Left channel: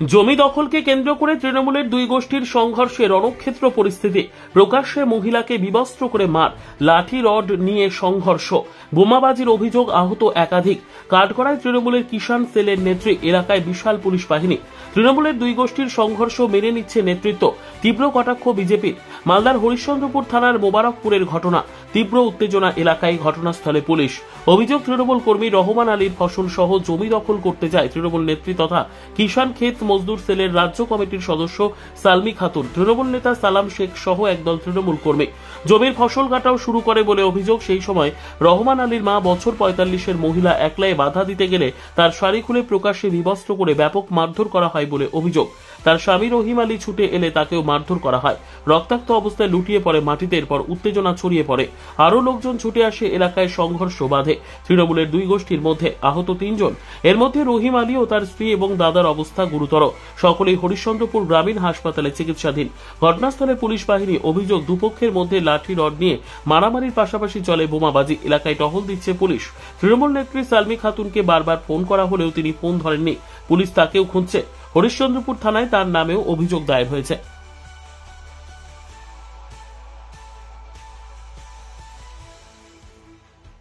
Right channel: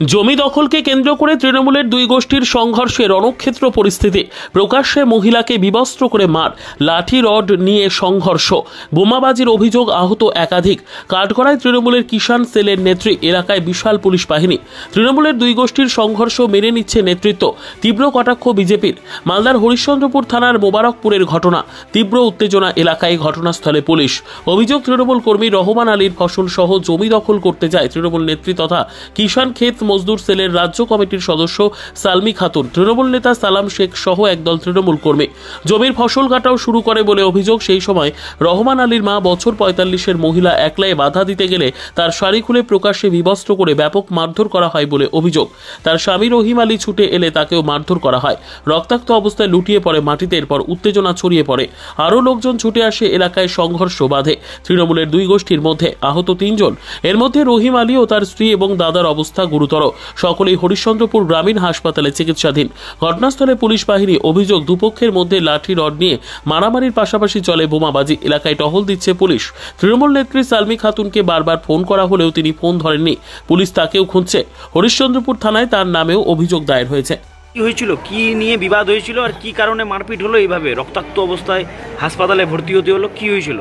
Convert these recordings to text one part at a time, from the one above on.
জমি দখলকে কেন্দ্র করে তৃণমূলের দুই গোষ্ঠীর সংঘর্ষে রণক্ষেত্র পরিস্থিতি। প্রকাশ্যে মহিলাকে বিবস্ত্র করে মার, লাঠি রড নিয়ে সংঘর্ষ, বোমাবাজির অভিযোগ, আহত একাধিক। কাঠগড়ায় তৃণমূলের কিষাণ সেলের নেত্রী, এলাকায় বিশাল পুলিশ বাহিনী। তৃণমূলের দুই গোষ্ঠীর সংঘর্ষ মেনে নিচ্ছে নেতৃত্ব, তীব্র কটাক্ষ বিজেপির। মালদার হরিশ্চন্দ্রপুর থানার মোবারকপুরের ঘটনা, তীব্র উত্তেজনা এলাকায়, ঘটনাস্থলে পুলিশ। অভিযোগ, তৃণমূল কর্মী রহমান আলীর ফসল সহ জমি দখল করতে যায় তৃণমূল নেত্রী তথা কিষাণ ক্ষেত মজদুর সেলের রাজ্য কমিটির সদস্য সালমি খাতুন। তৃণমূল নেতা সালাম শেখ সহ একদল তৃণমূল কর্মী জমির ফসল কাটাও শুরু করে বলে অভিযোগ। সেই সময় রহমান আলীর মা, বছর ৪৫-এর মহিলা, একলায় বাধা দিতে গেলে তার শাড়ি খুলে প্রকাশ্যে বিবস্ত্র করে ব্যাপক মারধর করা হয় বলে অভিযোগ। তার স্বামী রহিম আলী ছুটে এলে তাকেও মারধর করা হয়। রক্তাক্ত অবস্থায় লুটিয়ে পড়ে মাটিতে। এরপর উত্তেজনা ছড়িয়ে পড়ে, আরও লোকজন ছুটে আসে, এলাকায় সংঘর্ষ বাধে তৃণমূলের দুই গোষ্ঠীর মধ্যে। আহত ৩ জন, এর মধ্যে রহিম আলী ও তার স্ত্রী এবং দাদার অবস্থা গুরুতর। সকলেই হরিশ্চন্দ্রপুর গ্রামীণ হাসপাতালে চিকিৎসাধীন। ঘটনাস্থলে পুলিশ বাহিনী। অভিযোগ, দুপক্ষের মধ্যে লাঠি রড নিয়ে মারামারির পাশাপাশি চলে বোমাবাজি। এলাকায় টহল দিচ্ছে পুলিশ। তৃণমূল নেত্রী সালমি খাতুনকে বারবার ফোন করা হলেও তিনি ফোন ধরেননি। পুলিশ তাকেও খুঁজছে। হরিশ্চন্দ্রপুর থানায় তার নামেও অভিযোগ দায়ের হয়েছে। কি হয়েছিল, কি নিয়ে বিবাদ হয়েছিল, আর কি কারণে মারপিট হলো, এইভাবে রক্তাক্ত অবস্থায় হাসপাতালে ভর্তি হতে হলো, কি হয়েছিল?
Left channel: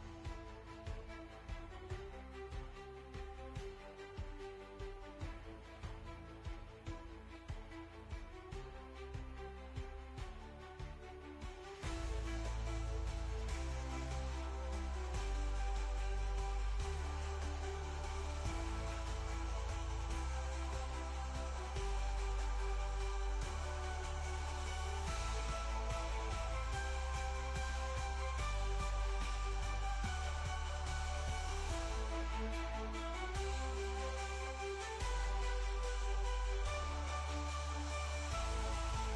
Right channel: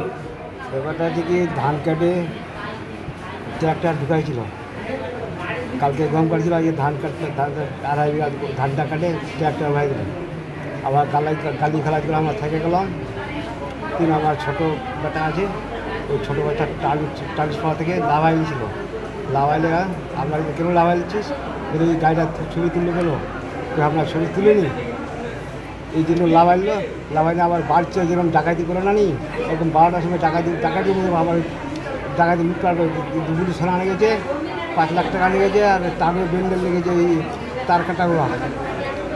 ব্যাপারটা থেকে ধান কাটে ট্রাক্টর ঢুকাইছিল, কালকে গম কাটছিল, আজকে ধান কাটতে আড়াই বিঘা ধানটা কাটে ট্রাক্টর ভাই গেল। আবার কালি খেলা করে আমরা থেকে গেলাম। আমার ছোটো বেটা আছে, ওই ছোটো বাচ্চা ট্রান্সফার থেকে লাভাই ছিল। লাভাইলে আমরা কেন লাভাই দিচ্ছিস, ওই গাড়িটা ছবি তুললে গেলো, আপনার ছবি তুলে নি, এই জন্য লাভাইলো। লাভাইলে আবার বাড়ছে, যেরকম ডাকাতি করে না নি, এরকম 12টার সময় ডাকাতি আবার ডাকাতি লুটপাট দুপুরি সোনা লেগেছে, 5 লাখ টাকা লেগেছে, আর তারও বেন্ডেল লেগেছে, এই তার কাটাগুলো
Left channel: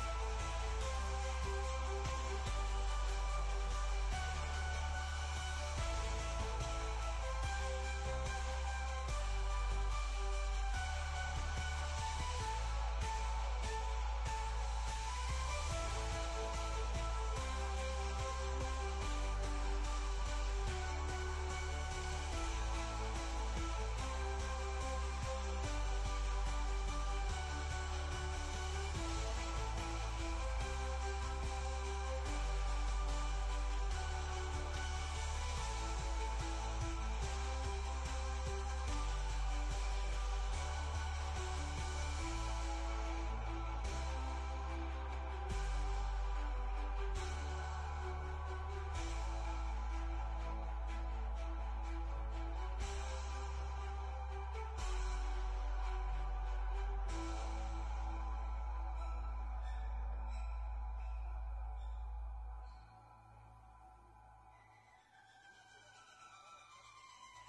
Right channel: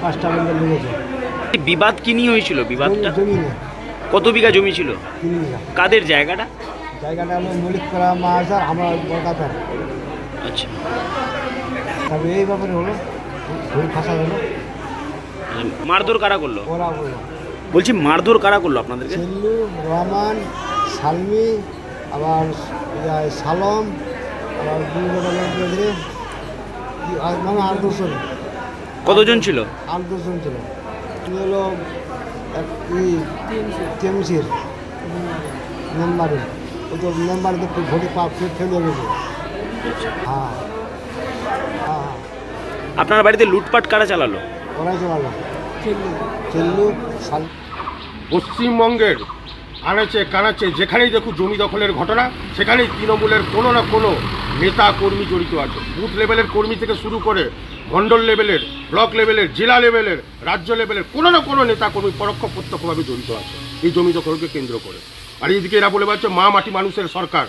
5টা বেন্ডেল লেগেছে। বিবাদ কি নিয়ে হয়েছিল? বিবাদটা জমি নিয়ে। কত বিঘা জমি ছিল? 3 বিঘা। কাদের জায়গাটা? জায়গাটা হলো মলিকপাড়া মাহাজার, আমরা কলকাতার। আচ্ছা, তবে এই ব্যাপারে হলো ভুল ফাঁসা হলো। মারধর কারা করলো? ওরা বললো, বলছি মারধর কারা করলো আপনাদেরকে? সেল্লু, রহমান, সালমি, আবার সালম, আবার মানে 8-10 জন। কতজন ছিল? 8-10 জন ছিল। তুই হলো টিএমসির মেম্বারে, ও তো মেম্বারে তো ভোটে ফেলে গেছে। হ্যাঁ হ্যাঁ। আপনার বাড়িতে লুটপাট কারা চালালো? ওরাই চালালো, সেল্লু সাল। পশ্চিমবঙ্গের আনাচে কানাচে যেখানেই দেখুন জমি দখলের ঘটনা, সেখানেই তৃণমূলের কোনো না কোনো নেতা কর্মী জড়িত আছে। বুথ লেভেলের কর্মী থেকে শুরু করে মণ্ডল লেভেলের, ব্লক লেভেলের, জেলা লেভেলের, রাজ্য লেভেলের কোনো না কোনো নেতা কর্মী পরোক্ষ প্রত্যক্ষভাবে জড়িত আছে এই জমি দখলকে কেন্দ্র করে। আর এইদিকে এরা বলে পাচ্ছে মা মাটি মানুষের সরকার।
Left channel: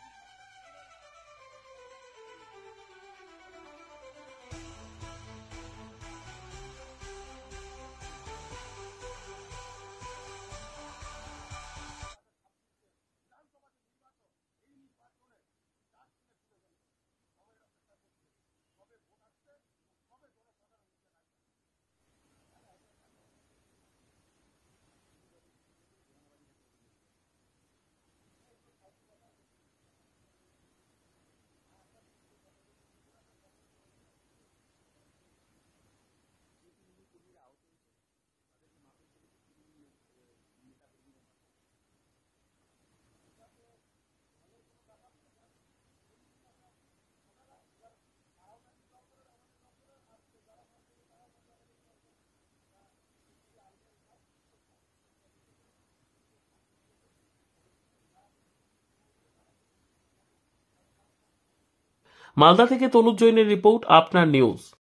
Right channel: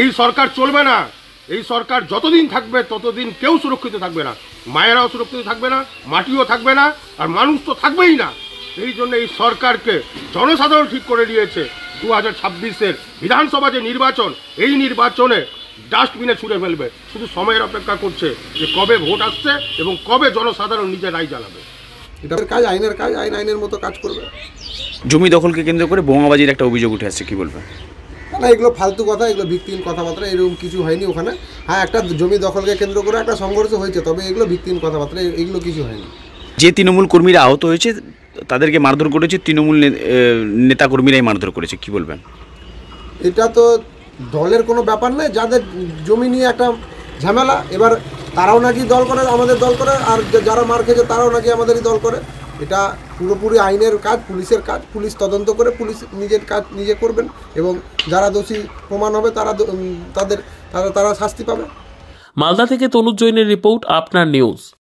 এই সরকার চলবে না। এই সরকার যতদিন থাকবে ততদিন কেউ সুরক্ষিত থাকবে না, মায়েরাও সুরক্ষিত থাকবে না, মাটিও থাকবে না, আর মানুষ তো থাকবেই না। এই জন্য এই সরকারকে জনসাধারণ ঠিক করে দিয়েছে 2026-এর বিধানসভা যে নির্বাচন, এই নির্বাচনে ডাস্টবিনে ছুঁড়ে ফেলবে। শুধু সময়ের অপেক্ষা করছে যে কবে ভোট আসছে এবং কবে জনসাধারণ নিজের রায় জানাবে। এটার কাজ আইনের কাজ, আইনের মতো কাজ করবে। জমি দখলকে কেন্দ্র করে বোমাবাজির একটা অভিযোগ উঠে আসছে, কি বলবেন? না, এগুলো ফালতু কথা, এগুলো ভিত্তিহীন কথাবার্তা। এরকম কিছু হয়নি ওখানে। হ্যাঁ, একটা জমি দখলকে কেন্দ্র করে একটা সংঘর্ষ হয়েছে, তবে এগুলো ভিত্তিহীন কথাবার্তা, এগুলো কিছু হয়নি। যে তৃণমূল কর্মীরা আহত হয়েছে তাদেরকে মারধর করেছে তৃণমূল নেতা কর্মীরাই মারধর করেছে, কি বলবেন? এটা তো দলের কোনো ব্যাপার নয়, যাদের জমি নিয়ে একটা ঝামেলা। এবার তারাও নাকি দল করে, আমাদের দল করে, আর যারা মার খেয়েছে তারাও নাকি আমাদেরই দল করে। এটা পুরোপুরি আইনের কাজ, পুলিশের কাজ। পুলিশ তদন্ত করে পুলিশ নিজের কাজ নিজে করবেন, এবং যারা দোষী প্রমাণ হবে তারা শাস্তি পাবে। মালদা থেকে তনুজ জৈনের রিপোর্ট, আপনার নিউজ।